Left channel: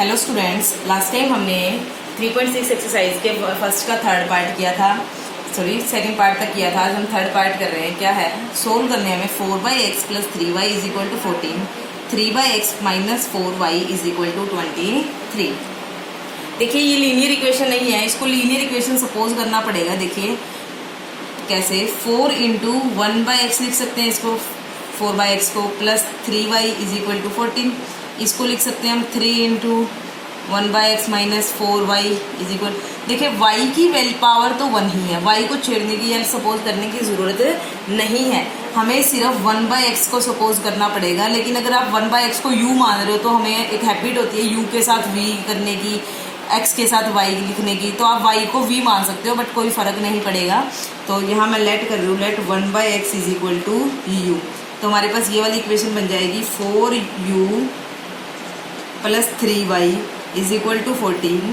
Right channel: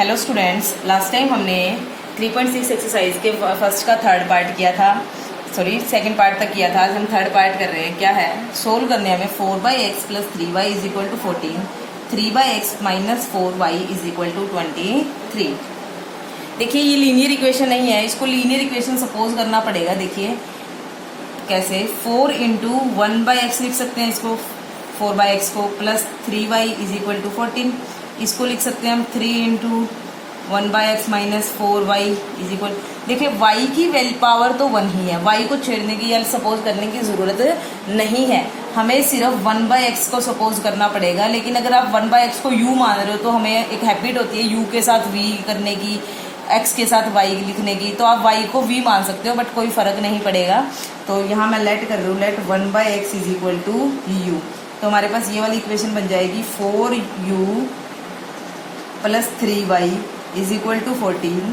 Hello students, last time हमने 3.6 exercise के first का थर्ड पार्ट किया था, सेकंड पार्ट तक किया था। आज हम थर्ड पार्ट कर रहे हैं। क्या है, सोल्व करने हमें 4x plus 3y is equal to 14, 3x minus 4y is equal to 23। देखिए ये लीनियर इक्वेशन नहीं है, इसको लीनियर इक्वेशन सपोज करना पड़ेगा। देखिए कैसे, 4 इंटू 1/x लिख सकते हैं इसको, 4/x को, plus 3y is equal to 14। इसको लिख सकते हैं हम 3 into 1/x minus 4y is equal. देखिए y की वैल्यू पावर तो 1 ही है, y को छेड़ने की या सपोज करने की जरूरत नहीं है, हमें सिर्फ 1/x को सपोज करना पड़ेगा। लेकिन अगर आप 1/x को u मान रहे हो तो हमें एक हैबिट होती है u के साथ v करने की, x के साथ y लिखने की, तो आप y को v मान सकते हो, बट कोई फर्क नहीं पड़ेगा। तो यहाँ मैं लेट कर रही हूँ, let 1/x is equal to u। तो हमारे पास ये वाली इक्वेशन बन जाएगी 4u plus 3y is equal to 14,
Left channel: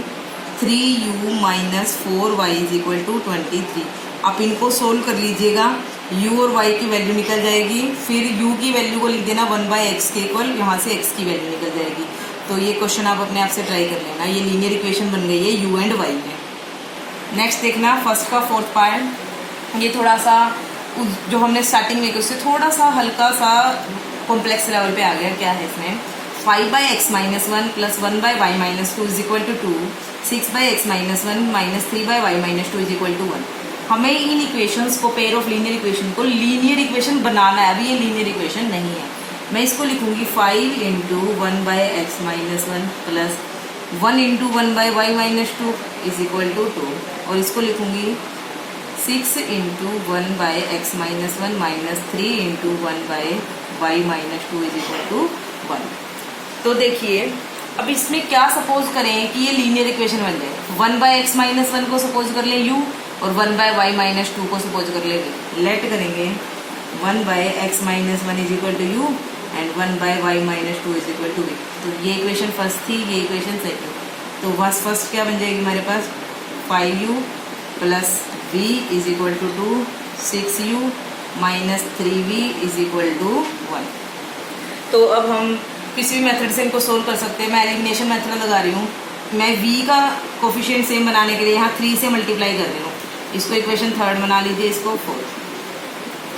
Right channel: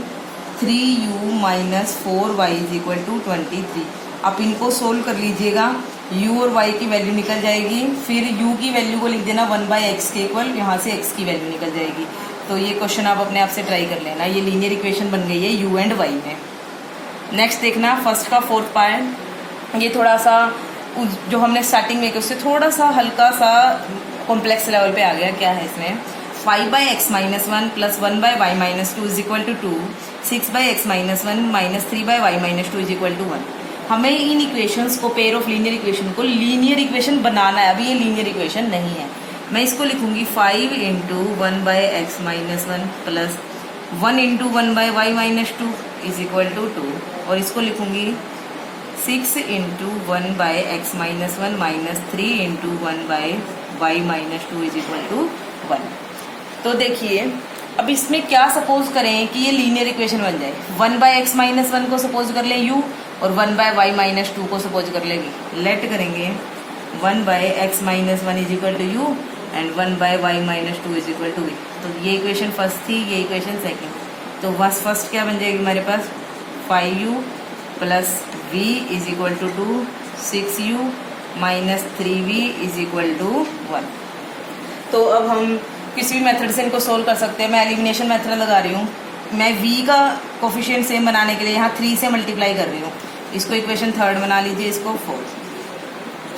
3u minus 4y is equal to 23। आप इनको सोल्व कर लीजिएगा, u और y की वैल्यू निकल जाएगी, फिर u की वैल्यू को लिख देना 1/x के इक्वल, यहाँ से x की वैल्यू निकल जाएगी। तो ये क्वेश्चन आप अपने आप से ट्राई कर लेना, ये लीनियर इक्वेशन बन गई है u एंड y में। नेक्स्ट देखना फर्स्ट का फोर्थ पार्ट, ये थोड़ा सा जो हमने स्टार्टिंग में किया उससे थोड़ा सा हल्का सा कॉम्प्लेक्स लेवल पे आ गया। क्या है इसमें, 5/x minus 1 plus 1/y minus 2 is equal to 2, 6/x minus 1 minus 3/y minus 2 is equal to 1। हमें इन इक्वेशंस को, पेयर ऑफ लीनियर इक्वेशन को लीनियर इक्वेशन बनाना है। अभी ये लीनियर इक्वेशन नहीं है। मैं इसको लिखूंगी 5 into 1/x minus 1 plus 1 into 1/y minus 2 is equal to 2, और इसको लिखूंगी 6 into 1/x minus 1 minus 3 into 1/y minus 2 is equal to 1। तो देखिए अब इसमें क्या सपोज करें कि ये लीनियर इक्वेशन बन जाए। 1/x माइनस 1 को सपोज कर ले u, और 1/y माइनस 2 को सपोज कर लेंगे। लेट करेंगे 1/x minus 1 is equal to u and 1/y minus 2 is equal to v। तो ये इक्वेशन फर्स्ट थी, ये इक्वेशन सेकंड। तो फर्स्ट क्या बन जाएगी हमारे पास, 5u plus v is equal to 2, 6u minus 3v is equal to 1। तो अब हम किसी भी मेथड से इनको सोल्व कर सकते हैं। मैं एलिमिनेशन मेथड लगा रही हूँ। मैं v का कोफिशिएंट सेम बनाने के लिए यहाँ 3 से मल्टीप्लाई कर रही हूँ। इसको इक्वेशन थर्ड बना लीजिए, इसको 4,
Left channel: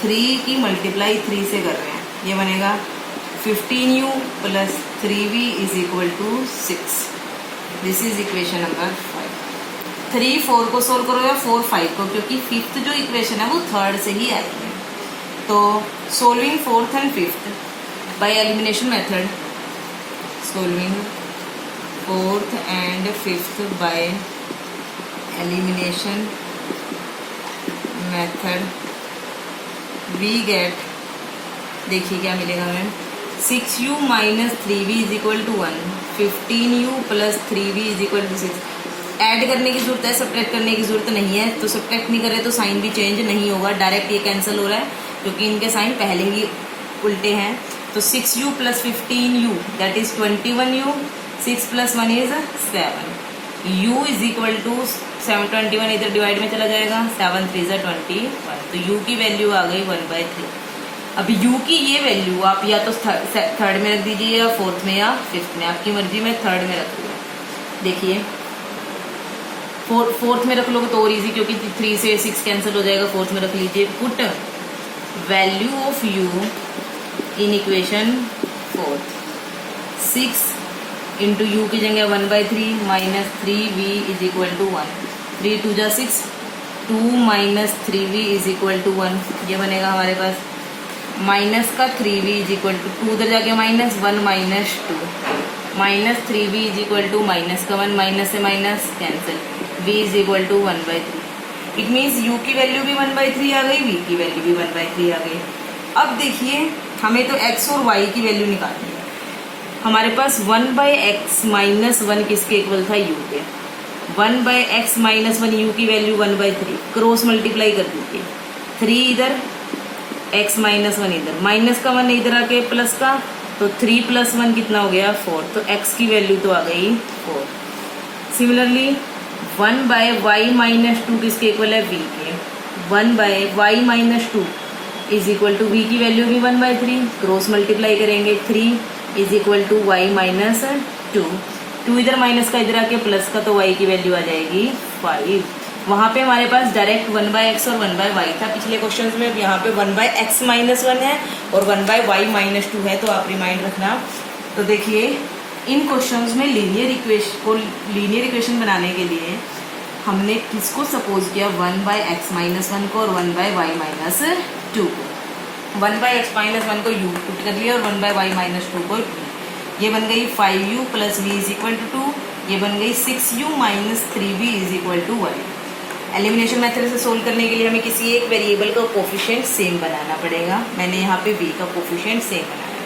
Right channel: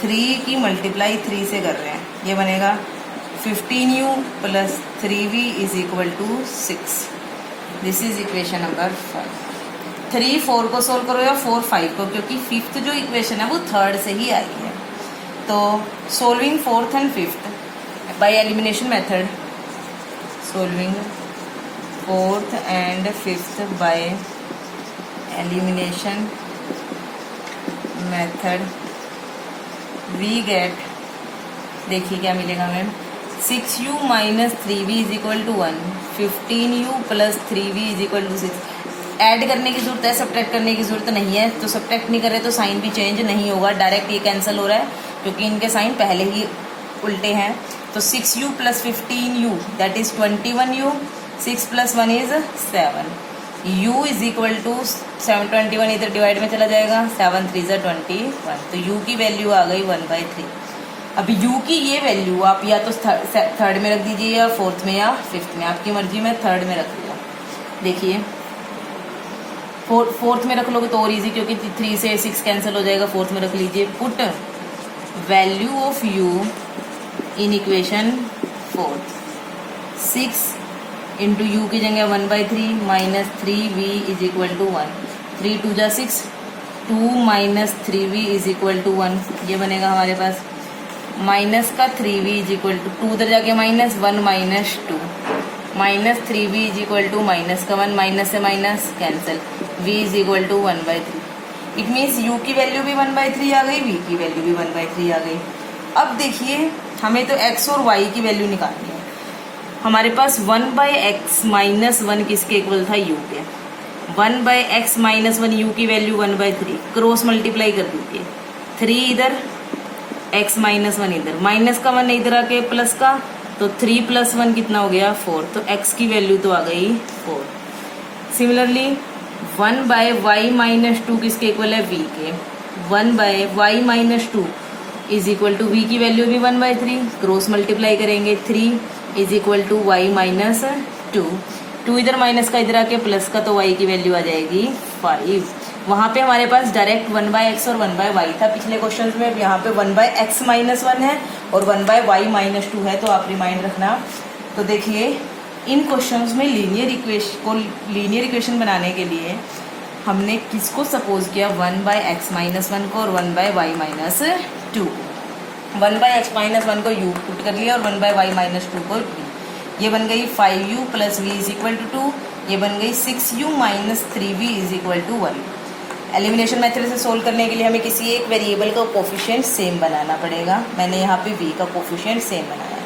3 की मल्टीप्लाई 3 से कर रहे हैं, ये बनेगा 15u plus 3v is equal to 6। This is equation number 5। 3 4 को सोल्व करो या 4 5 को, क्योंकि फिफ्थ जो इक्वेशन है वो थर्ड से ही आई है। तो solving fourth and fifth by elimination method, solving fourth and fifth by elimination method we get, देखिए क्या मिलेगा हमें, 6u minus 3v is equal to 1, 15u plus 3v is equal to 6। Add करने की जरूरत है, सब्ट्रैक्ट करने की जरूरत नहीं है। तो सब्ट्रैक्ट नहीं करे तो साइन भी चेंज नहीं होगा, डायरेक्ट ये कैंसिल हो रहा है क्योंकि इनके साइन पहले ही उल्टे हैं। तो 6u plus 15u that is 21u, 6 plus 1 is 7, u is equal to 21 इधर डिवाइड में चला जाएगा, 7 3 is 21। तो u की वैल्यू आ गई 1/3। अब u की ये वैल्यू आप या तो थर्ड में रख दीजिए या फोर्थ में या फिफ्थ में, आपकी मर्जी में थर्ड में रख दूंगा। देखिए फोर्थ में रख लोगे तो और इजी, क्योंकि 3 से 6 कैंसिल हो जाएगा। फोर्थ में रख लीजिए, put value of u in equation 4, 6 into you की जगह 1/3 minus 3v is equal to 1, 3 2 जा 6, 2 minus 3v is equal to 1। ये बनेगा हमारे पास माइनस का 3v इज इक्वल टू 2, उधर जाके minus 1 minus 2, minus 3v is equal to minus का 1, माइनस से minus cancel, v is equal to 1/3। It means u की वैल्यू भी 1/3 आ गई, v की वैल्यू भी 1/3 आ गई। अब देखिए हमें तो x और y की वैल्यू निकालनी है। हमारे पास 1/x माइनस 1 किसके इक्वल था, u के। 1/x माइनस 1 u की वैल्यू 1/3, क्रॉस मल्टीप्लाई कर दीजिए, 3 इधर, x माइनस 1 इधर, माइनस का 1 इधर आके प्लस का, तो 3 प्लस 1 कितना हो गया 4। तो x की वैल्यू तो आ गई 4। सिमिलरली 1/y माइनस 2 किसके इक्वल है, v के। 1/y minus 2 is equal to v की वैल्यू भी 1/3, क्रॉस मल्टीप्लाई करेंगे, 3 is equal to y minus 2, 2 इधर माइनस का इधर आके प्लस का, तो y की वैल्यू आ जाएगी 5। वहां पे हमारे पास डायरेक्ट 1/x और 1/y था पिछले क्वेश्चंस में। यहाँ पे 1/x - 1 है और 1/y - 2 है, तो आप रिमाइंड रखना। तो देखिए इन क्वेश्चंस में लीनियर इक्वेशन बनाने के लिए हमने किसको सपोज किया, 1/x - 1 को और 1/y - 2 को। 1/x - 1 को u पुट कर लिया और 1/y - 2 को 2। ये बन गई 5u + v = 2। ये बन गई 6u - 3v = 1। एलिमिनेशन मेथड से सोल्व करने के लिए हमें किसी एक वेरिएबल का कोफिशिएंट सेम बनाना पड़ेगा। मैंने यहाँ पे v का कोफिशिएंट सेम बनाया।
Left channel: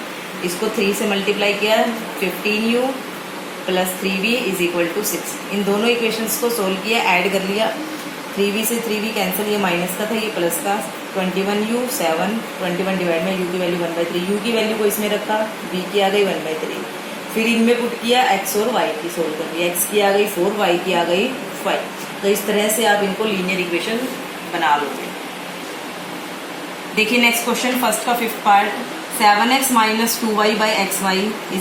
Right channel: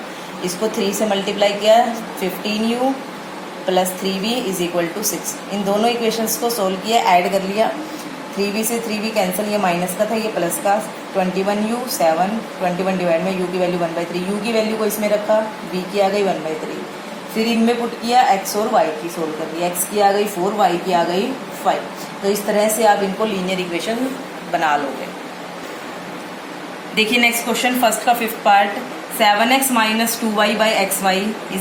इसको 3 से मल्टीप्लाई किया, 15u + 3v = 6। इन दोनों इक्वेशंस को सोल्व किया, ऐड कर लिया। 3v से 3v कैंसिल, ये माइनस का था ये प्लस का। 21u 7, 21 डिवाइड में u की वैल्यू 1/3। u की वैल्यू को इसमें रखा, v की आ गई 1/3। फिर इनमें पुट किया, x और y की सोल्व कर लिया। x की आ गई 4, y की आ गई 5। तो इस तरह से आप इनको लीनियर इक्वेशन बना लोगे। देखिए नेक्स्ट क्वेश्चन, फर्स्ट का 5th part. 7x - 2y/xy =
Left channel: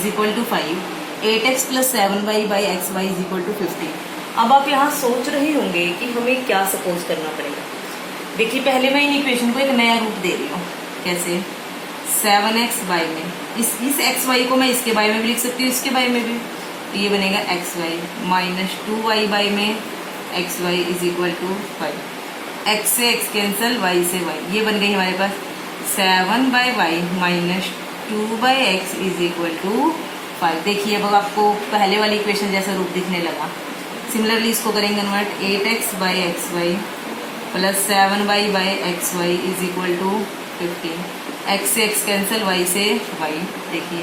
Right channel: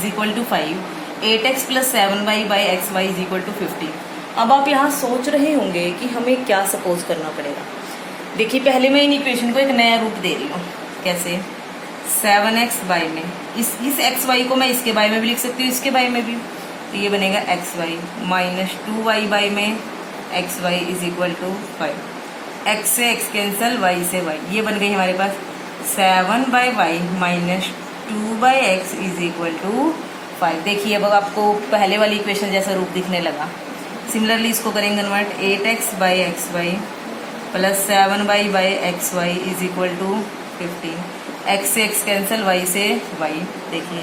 5। 8x + 7y/xy = 50। अब आप यहाँ सोच रहे होंगे कि हमें क्या सपोज करना पड़ेगा। देखिए पहले मैं इन इक्वेशन को एक नया रूप दे रही हूँ। कैसे? 7xy में इस xy को मैं इसके बाय में भी लिख सकती हूँ, इसके बाय में भी। तो ये बनेगा xy - 2y बाय में xy = 5। x से x कैंसल, y से y। ये बन गई हमारे पास 7/y - 2/x = 5। देखिए अब आपको पहले वाली इक्वेशन जैसा रूप दिखने लगा। सिमिलरली इसको करेंगे कन्वर्ट, 8x/xy + 7y/xy = 15। x से x कैंसिल, y से y। देखिए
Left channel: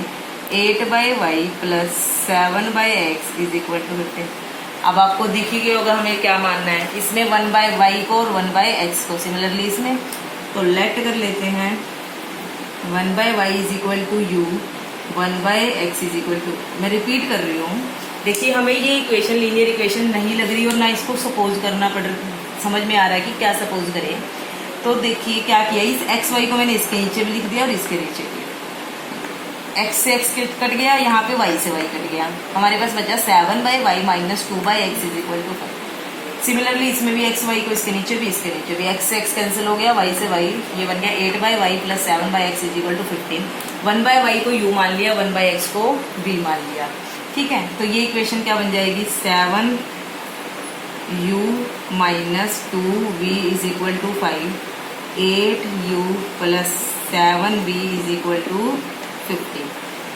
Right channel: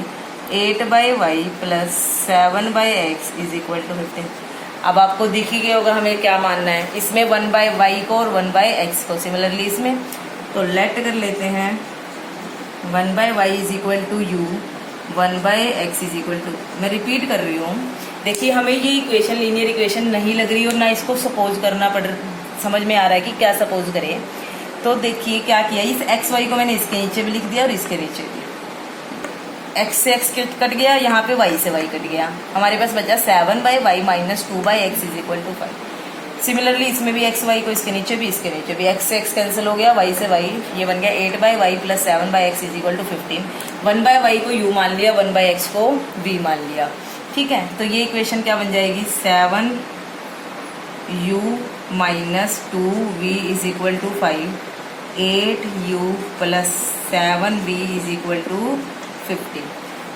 8/y + 7/x = 15। अब आपको दिख ही गया होगा हमें क्या मानना है। इसमें 1/y को और 1/x को, सिमिलरली इसमें तो लेट कर लेते हैं। 1/y = u, 1/x = मैं रिपीट कर रही हूँ। देखिए हमें ये इक्वेशन लीनियर इक्वेशन नहीं लग रही और ना इसको सपोज करना समझ में आ रहा है कि क्या सपोज करें। तो देखिए क्या किया, इस xy को मैंने इसके नीचे भी लिख दिया और इसके नीचे दिया। x से x कट गया, यहाँ पे y से y कट गया। हमारे पास बचा 7/y - 2/x = 5। सिमिलरली इसमें भी xy को इसके नीचे भी इसके नीचे भी, x से x कैंसिल हो गया, y से y। ये बन गया 8/y + 7/x = 15। 1/y को u मान लिया, 1/x को v मान लिया। ठीक है, तो ये इक्वेशन क्या बन जाएगी, 7u - 2v = 5। 8u + 7v = 50।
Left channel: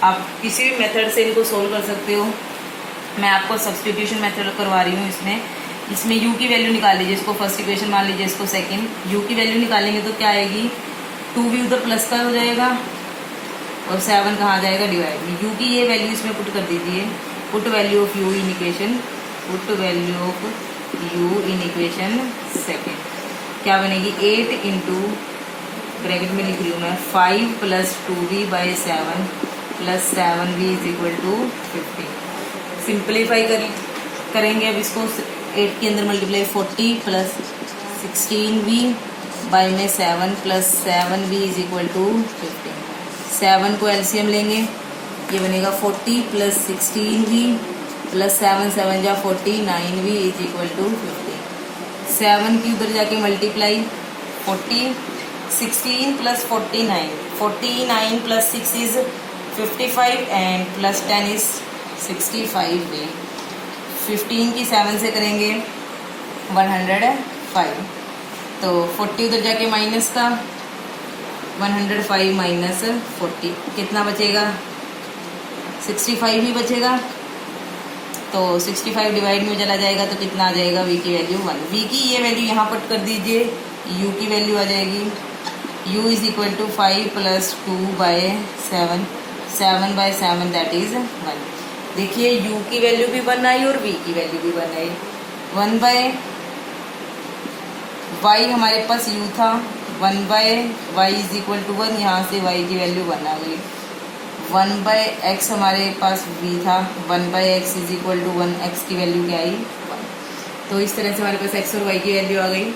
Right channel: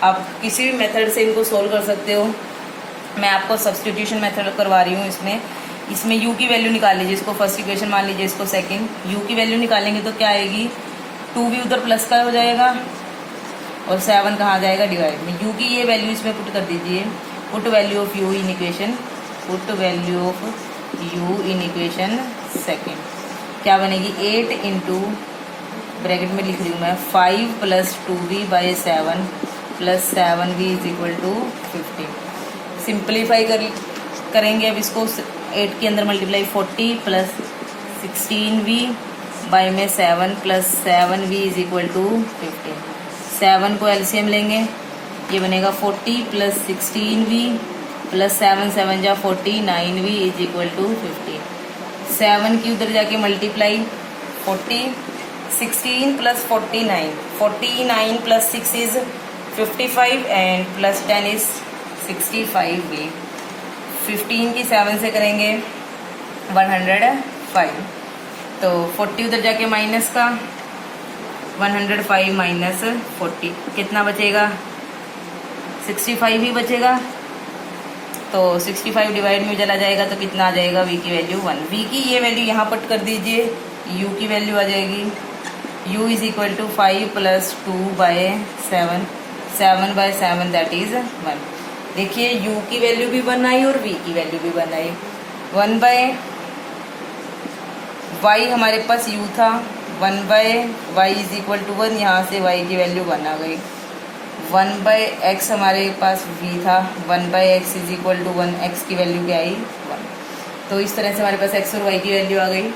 आप किसी भी मेथड से इनको सोल्व कर सकते हो। मैं आपको सब्स्टिट्यूशन मेथड करवा रही हूँ। इसमें u की वैल्यू निकाल लीजिए, इसको फर्स्ट इक्वेशन मान लीजिए, इसको सेकंड। u की वैल्यू निकालेंगे तो क्या आएगी, 2v उधर प्लस का हो जाएगा और 7 कहाँ आ जाएगा, डिवाइड में। u की ये वैल्यू इसमें पुट कर दीजिए। Put value of u in equation, put value of u in equation second क्या बनेगी, 8 इंटू ब्रैकेट में लिख रही हूँ मैं 5 + 2v/7 + 7v = 15। सिंप्लीफाई करेंगे अब इसको। 8 के अंदर मल्टीप्लाई 40 + 16v बाय में 7 + 7v = 15। 7 को एलसीएम लेंगे, ये बनेगा 40 + 16v + 7 7 जा 49v = 15। 7 की उधर जाके multiply 40, 16 + 49, 49 + 6 is 55 and + 10 is 65v। 15 की 7 से करेंगे 105, तो 40 उधर जाके माइनस का 105 - 40 कितना बचेगा, 65 ही बचेगा। तो 65 डिवाइड में चला जाएगा तो कितना आ जाएगा, v की वैल्यू 1। v की ये वैल्यू यहाँ पुट कर दीजिए, u की वैल्यू आ जाएगी u = 5 + 2/7, 7/7 दैट इज 1। देखिए u की वैल्यू भी 1 आई और v की वैल्यू भी 1 आई। 1/y हमारे पास u था, 1/y = 1, यहाँ से y की वैल्यू 1 आ गई। 1/x हमारे पास v था, 1/x = 1, x की वैल्यू क्या आई 1। तो इस तरह से हमारे पास x और y की वैल्यू आ गई।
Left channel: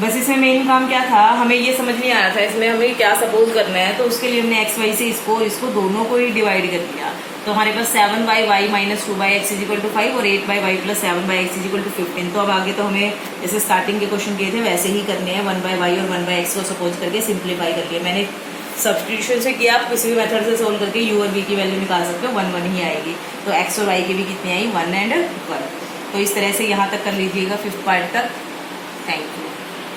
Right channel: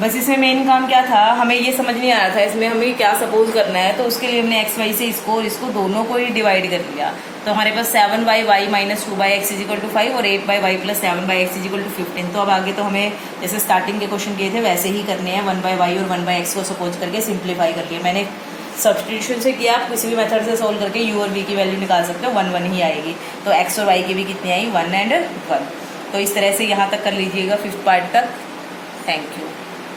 बस इसमें मेन काम क्या था, हमें ये समझ नहीं आ रहा था इसमें हमें क्या सपोज करना है, तो उसके लिए हमने एक्स वाई से इसको दोनों को ही डिवाइड कर दिया। तो हमारे पास 7/y minus 2/x is equal to 5 और 8/y plus 7/x is equal to 15। तो अब आगे तो हमें जैसे स्टार्टिंग के क्वेश्चन किए थे वैसे ही करने हैं, 1/y और 1/x को सपोज करके सिंप्लीफाई करके। मैंने सब्सटीट्यूशन से किया, आप किसी भी मेथड से सोल्व करके u और v की वैल्यू निकाल सकते हो, 1 1 ही आएगी। तो x और y की भी कितनी आई, 1 और 1। तो इस तरह से यहाँ तक कर लीजिएगा 5th पार्ट तक। Thank you.